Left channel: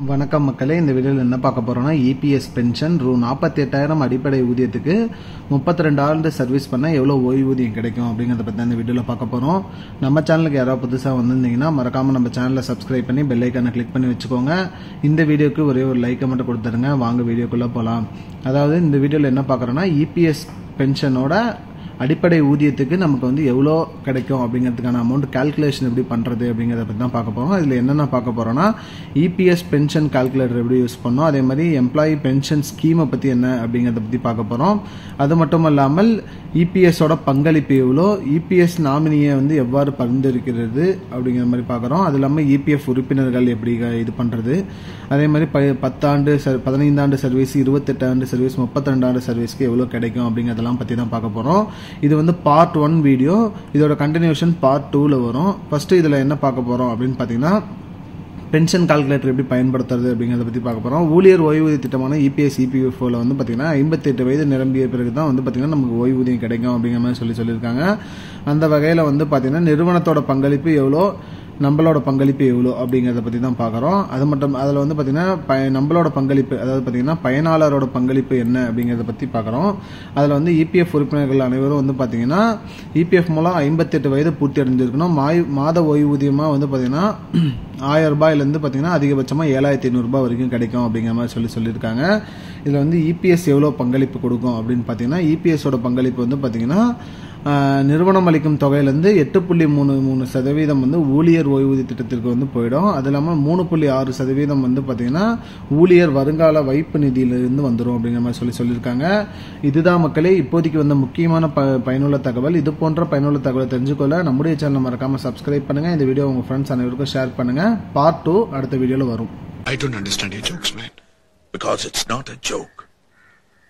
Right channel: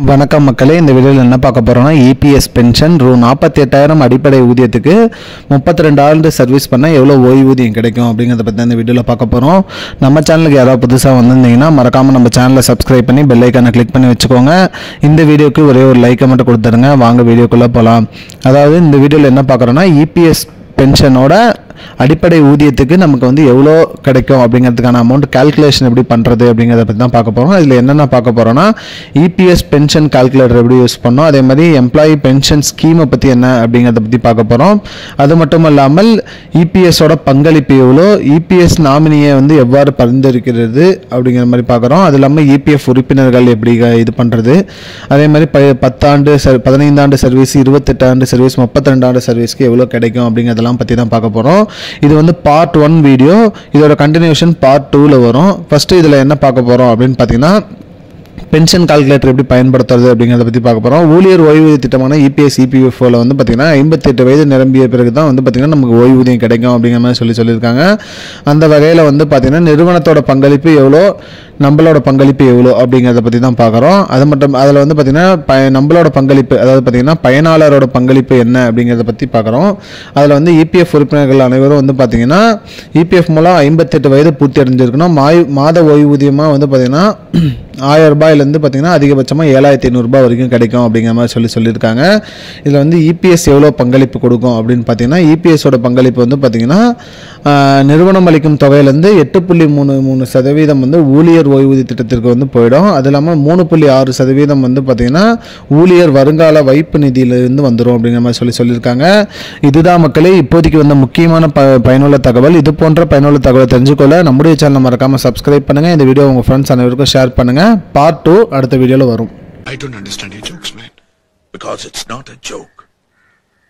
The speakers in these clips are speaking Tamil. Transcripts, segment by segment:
வணக்கம் மக்களே, இந்த வீடியோவில் என்ன பார்க்க போகிறோம்னா இபிஎஸ் பென்ஷன் ரூ 48,000 அடிப்படை ஊதியத்துக்கு 32 ஆண்டு சர்வீஸ் பண்ணால் எவ்வளோ ஓய்வூதியம் கிடைக்கும் அப்படிங்கிறத பற்றி இந்த வீடியோவில் பார்க்க போகிறோம். நம்ம சேனலுக்கு யாராவது புதுசாக வந்திருந்தீங்கன்னா மறக்காமல் நம்ம சேனலை சப்ஸ்கிரைப் பண்ணி பெல் ஐக்கானை கிளிக் பண்ணி வச்சுக்கோங்க. இந்த வீடியோக்கு ஒரே ஒரு லைக்கை மட்டும் கொடுத்துருங்க. வாங்க வீடியோக்குள்ளே போகலாம். அதாவது இந்த வீடியோவில் என்ன பார்க்குறோன்னா இபிஎஸ் பென்ஷனோட அடிப்படை ஊதியத்துக்கு நமக்கு வந்து எவ்வளோ கிடைக்கும் அப்படிங்கிறதுக்கான அமௌண்ட் கால்குலேஷன் எப்படி பண்ணுறது அப்படிங்கிறத பற்றி தான் பார்க்க போகிறோம். இதில் என்னென்ன பார்க்க போகிறோன்னா இபிஎஸ் பென்ஷன் கால்குலேட்டர் எப்படி யூஸ் பண்ணோம், அதே மாதிரி எம்ப்ளாயி பென்ஷன் ஸ்கீமை பற்றி என்ன அப்படிங்கிறத பற்றி பார்க்க போகிறோம். அது மட்டும் இல்லாமல் இபிஎஸோட பங்களிப்பு எவ்வளோ, இபிஎஸ் நாமினியை வந்து எவ்வாறு பரிந்துரைக்கிறது அப்படிங்கிற மாதிரி பார்க்குறோம். அது இல்லாமல் இபிஎஃப் உறுப்பினர்கள் எப்படி இது பண்ணுறது, அதே மாதிரி 10 ஆண்டு 15 ஆண்டு சர்வீஸ், 28 ஆண்டு சர்வீஸ், 32 ஆண்டு சர்வீஸ்க்கு எவ்வளோ கிடைக்கும் அப்படிங்கிறதெல்லாம் பற்றி தான் பார்க்க போகிறோம். இது வந்து பார்ட் 1 வீடியோ. இதோட கண்டினியூஷன் பார்ட் 2ல வரும். ஃபர்ஸ்ட் இதில் என்ன பார்க்க போகிறோம் அப்படின்னு பார்த்தீங்கன்னா பென்ஷன் கால்குலேட்டர் எப்படி பயன்படுத்துறது அப்படிங்கிறத பற்றி பார்க்க போகிறோம். ஊழியர் ஓய்வூதிய திட்டமான இபிஎஸ் இபிஎஃப்ஓவில் வந்து பார்த்திங்கன்னா 58 வயது நிரம்பிய பிறகு தான் வந்து பார்த்திங்கன்னா நமக்கு ஓய்வூதியம் கிடைக்கும் அப்படிங்கிற மாதிரி சொல்லியிருக்காங்க. அந்த வகையில் வந்து பார்த்திங்கன்னா நிறுவனத்தோட பங்களிப்பு எவ்வளோ, நம்மளோட பங்களிப்பு எவ்வளோ அப்படிங்கிறத பற்றி தான் பார்க்குறோம். அது மட்டும் அதில் வந்து பார்த்திங்கன்னா நம்மளோட பங்களிப்பு, அதாவது பார்த்திங்கன்னா பயனாளரோட பங்களிப்பு என்ன அப்படிங்கிறத பற்றி பார்க்குறோம். அதில் வந்து இபிஎஃப் உறுப்பினர்கள் அனைவரும் வந்து பார்த்திங்கன்னா இபிஎஃப் மூலம் 58 வயது பூர்த்தி அடைஞ்சிருக்கணும். மாத ஓய்வூதியமாக வந்து பார்த்திங்கன்னா 1000 ரூபாயிலேருந்து பார்த்திங்கன்னா அதிகபட்சமாக 7,500 ரூபாய் வரைக்கும் கிடைக்கும் அப்படிங்கிற மாதிரி சொல்லியிருக்காங்க. இதில் வந்து இபிஎஸ் எவ்வளோ பங்களிப்பு கொடுக்கும் அப்படின்னு பார்த்தீங்கன்னா இபிஎஸோட பங்களிப்பு வந்து பார்த்திங்கன்னா நிறுவனம் அளிக்கும் தொகையிலேருந்து 8.33% வந்து ஊழியர் ஓய்வூதிய திட்டத்திற்கு வந்து போயிடும். அது இல்லாமல் 3.6% வந்து பார்த்திங்கன்னா ஊழியர் வருங்கால வைப்பு நிதியிலிருந்து வந்துடும் அப்படிங்கிற மாதிரி சொல்லியிருக்காங்க. இதுதான் மக்களே இப்போதைக்கு வந்து முக்கியமான பயனுள்ள தகவல். இது போன்ற பயனுள்ள தகவலை தெரிஞ்சுக்கொள்ள நம்முடைய சேனலை மறக்காமல் சப்ஸ்கிரைப் பண்ணுங்கள். இந்த வீடியோ உங்கள் ஃப்ரெண்ட்ஸ் அனைவருக்கும் ஷேர் பண்ணுங்கள். பார்ட் 2 அடுத்த வீடியோவில் வரும். I don't understand your jokes, man. Because it's not a joke.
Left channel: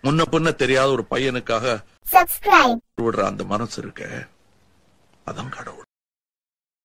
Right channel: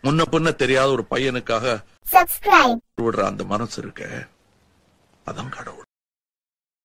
முன்ன பின்ன தெரியாத ஒரு பையனுக்காக subscribe விடுற அந்த மனசு இருக்க, அதான் கடவுள்.